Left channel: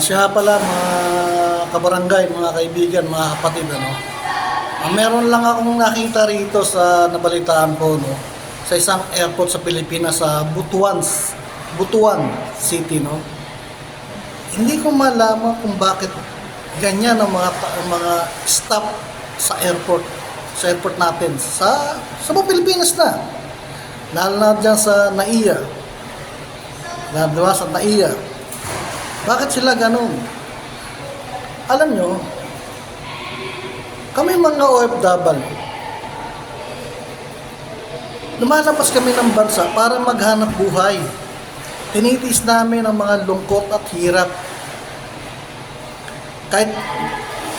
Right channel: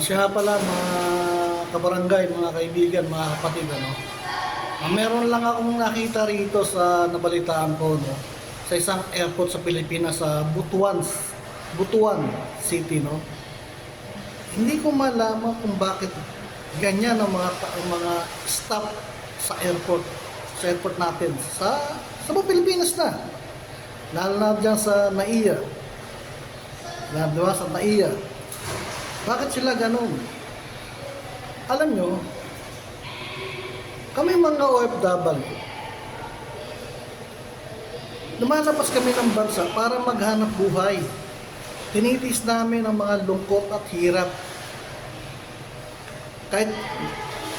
Siya pala mga kabarangay, mga kaibigan, mga kapatid, ano. Meron lang akong nakita rito sa nabalitaan ko, no, sa isang airport sa Pilipinas sa Butuan City, no. Hindi ko malaman kung bakit ganyan ang mga staff sa airport natin, sa buong Pilipinas na. Lalo na dyan sa NAIA, sa NAIA. Bakit sila ganun? Alam nyo, kami mga OFW, lumalabas kami ng bansa para maghanap buhay. Tinitiis namin ang mga lungkot at hirap. Kahit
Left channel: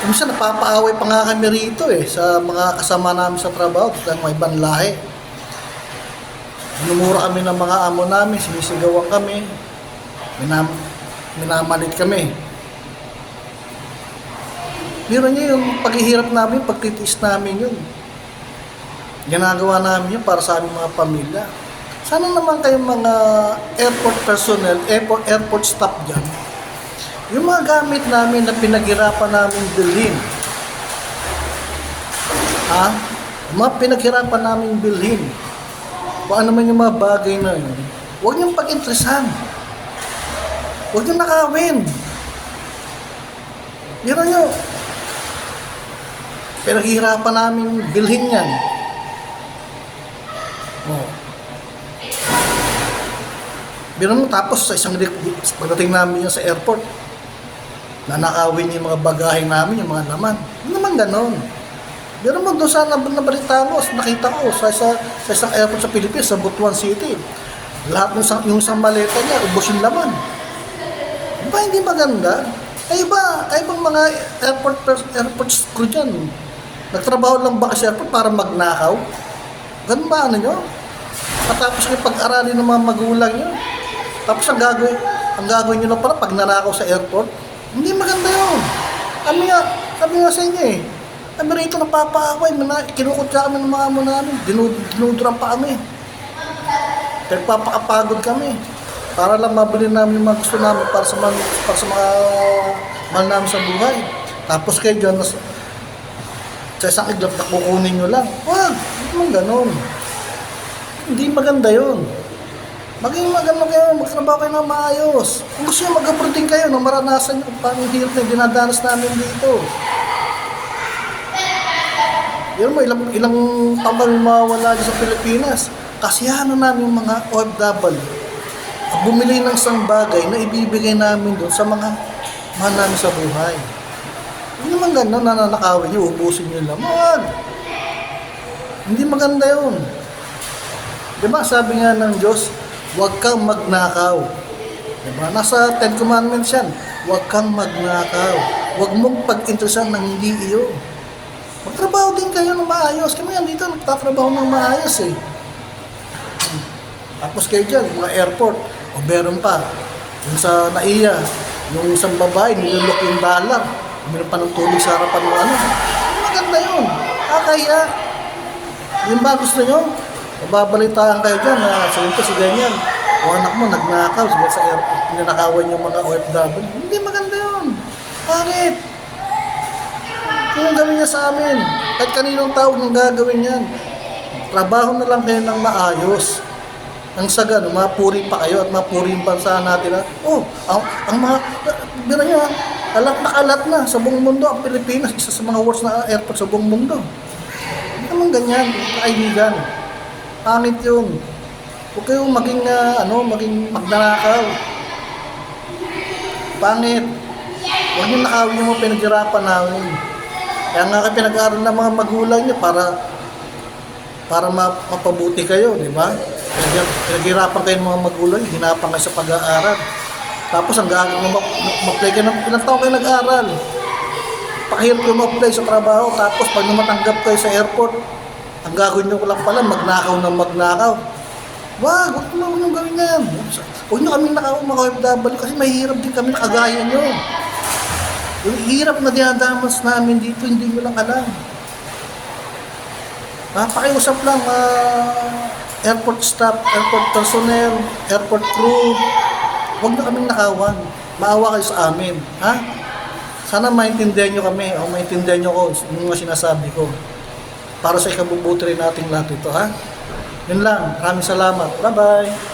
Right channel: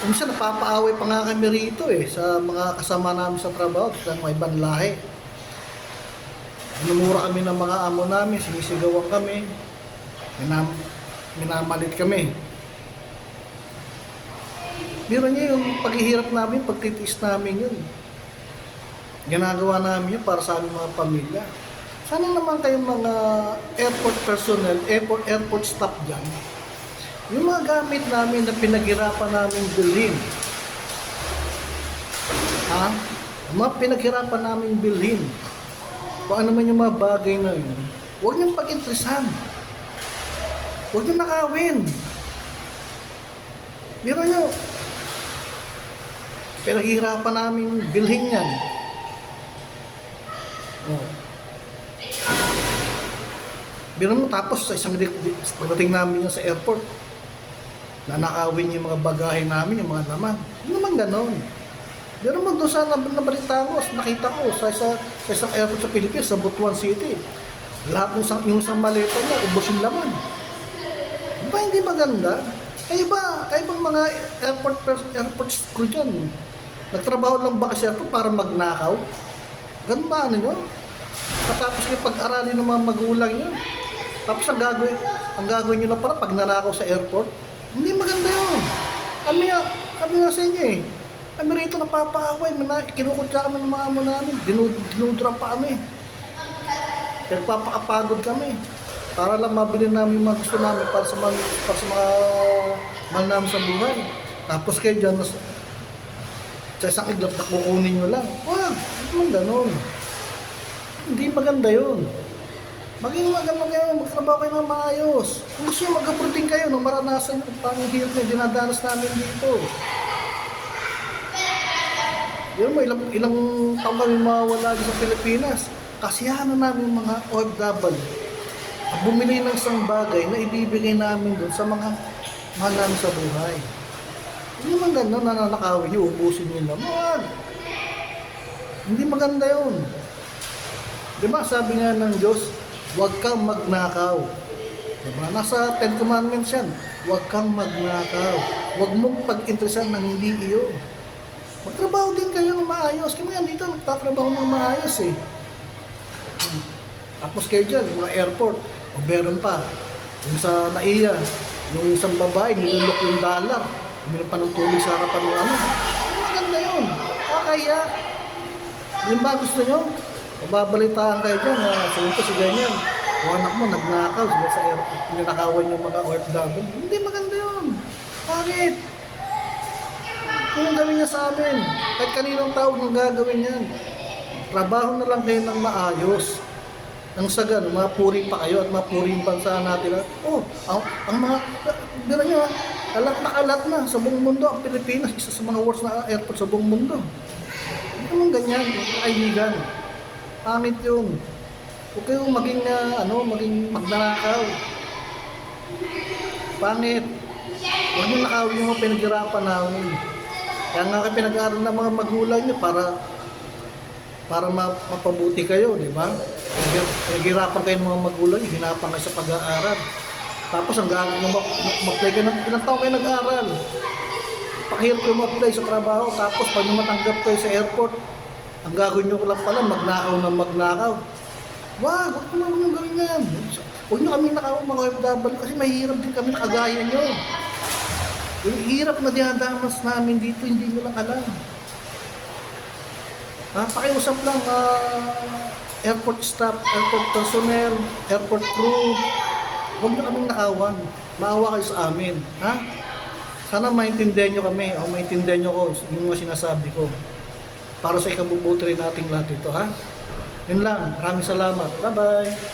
minsan napapaaway pa nga kami rito sa mga kasama namin sa trabaho sa mga ibang lahi. Minumura kami ng mga amo namin, sinisigawan kami, minamalit kami. Meron niyo yung paghihirap namin, pagtitiis namin yun. Ginagawa namin yun para sa aming mga pamilya. Sana naman kayong mga airport personnel, airport staff dyan, yung mga gamit namin na pinaghirapan namin bilhin, yung mga pinaghirapan namin bilhin, kung ano man yung mga bagay na yun, huwag niyong pag-interesan. Huwag niyong nakawin. Biro nyo, pinaghihirapan namin bilhin yan. Biro mo, tapos sa pagdating namin yan sa airport, nanakawin yung mga bagahe namin, yung mga laman. Hindi naman ganon. Biro mo, doon sa nabalita mo, nakita ko sa isang airport sa Pilipinas, sa Butuan City. Lahat yung isang maleta niya, ubos yung laman. Di ba hindi maganda? Kayo bang mga airport crew dyan? Nagtrabaho lang ba kasi airport para magnakaw? Ganun ba ano nyo? Matapos kayo pag-aralin ng mga magulang nyo. Tapos ang gagawin nyo na pala pag nanakaw sa airport? Hindi maganda yun. Sabi nga sa inyo kami rito napapaaway, kinukutya kami ng mga amo namin, dinuduran pa kami. Nagpapakapagod kami. Para lang mabili namin yung mga gusto namin para sa mga mahal namin sa buhay. Tapos kayo dyan, sa isang iglap na kukunin nyo lang. Wag, hindi mo ganon. Hindi maganda yun. Maging maganda kayo, magtrabaho kayo ng maayos. Kung gusto nyo mag-abroad din kayo, nang maranasan nyo kung paano yung hirap na dinadanas namin dito. Yun mo, ilang taon kami mawawala dyan sa Pilipinas. Kasiyahan na namin mga OFW. Bumili ng isang bagay na ibibigay namin doon sa mga mahal namin sa buhay. Hindi naman gano'n, nananakawin nyo, ubusin nyo lang. Wag! Hindi maganda yun. Diba, sabi nga ng Diyos, huwag kang magnakaw. Diba, nasa 10 Commandments yan. Huwag kang magnakaw. Huwag mong pag-interesan ng hindi iyo. Magtrabaho din kayo ng maayos. Kaya yan dito, nagtatrabaho ng maayos Tapos kayo dyan, mga airport, o meron pa, yung sa NAIA, yung isang babae, nilulok yung dollar, meron pa ng tulog sa harapan ng ano. Maganda yun. Kaya, yung ba gusto nyo, mababalitaan kayo dyan, si ganyan, o anak mo, nagnakaw, sa airport, pinanakawan yung mga OFW. Hindi maganda yun. Bakit? Yung gawin niya sa amin, kahit kaninong tao nang gagawin yan, trabaho na lang kayo ng maayos. Ang saga, mapuri pa kayo at mapuri yung bansa natin ang mga, bira nyo alat na sa buong mundo, ang Pilipinas, isa sa mga worst na airport sa buong mundo. Hindi naman ganyan, kaibigan. Pangit yun. Huwag kayong maging magnanakaw. Pangit. Huwag yung nakawin yung mga pinaghirapan namin. Kaya nga kayo pinag-aaral ng mga magulang nyo para mapabuti kayo, di ba? Pinaghirapan kayo ng mga magulang, hinapan kayo sa pag-aaral. Tapos ang gagawin mo, ma-apply kayo ilang taon kayo nag-aaral. Pakahirap kayo ma-apply sa trabaho, tapos pag namatanggap kayo sa airport, ang gagawin nyo lang pala, magnakaw. Wag nyo gawin yan. Huwag nyo kami mga OFW kasi mahirap din kami nakagaya nyo. Yung hirap na dinadamas namin dito, hindi nyo lang alam. Pakiusap lang, airport staff, airport personnel, airport crew, huwag nyo kaming nakawan. maawa kayo sa amin, ha? Sana maintindihan nyo kami o maintindihan nyo ko yung mga sinasabi ko. Para sa ikabubuti rin nating lahat ito, ha? Yun lang. Maraming salamat. Bye-bye.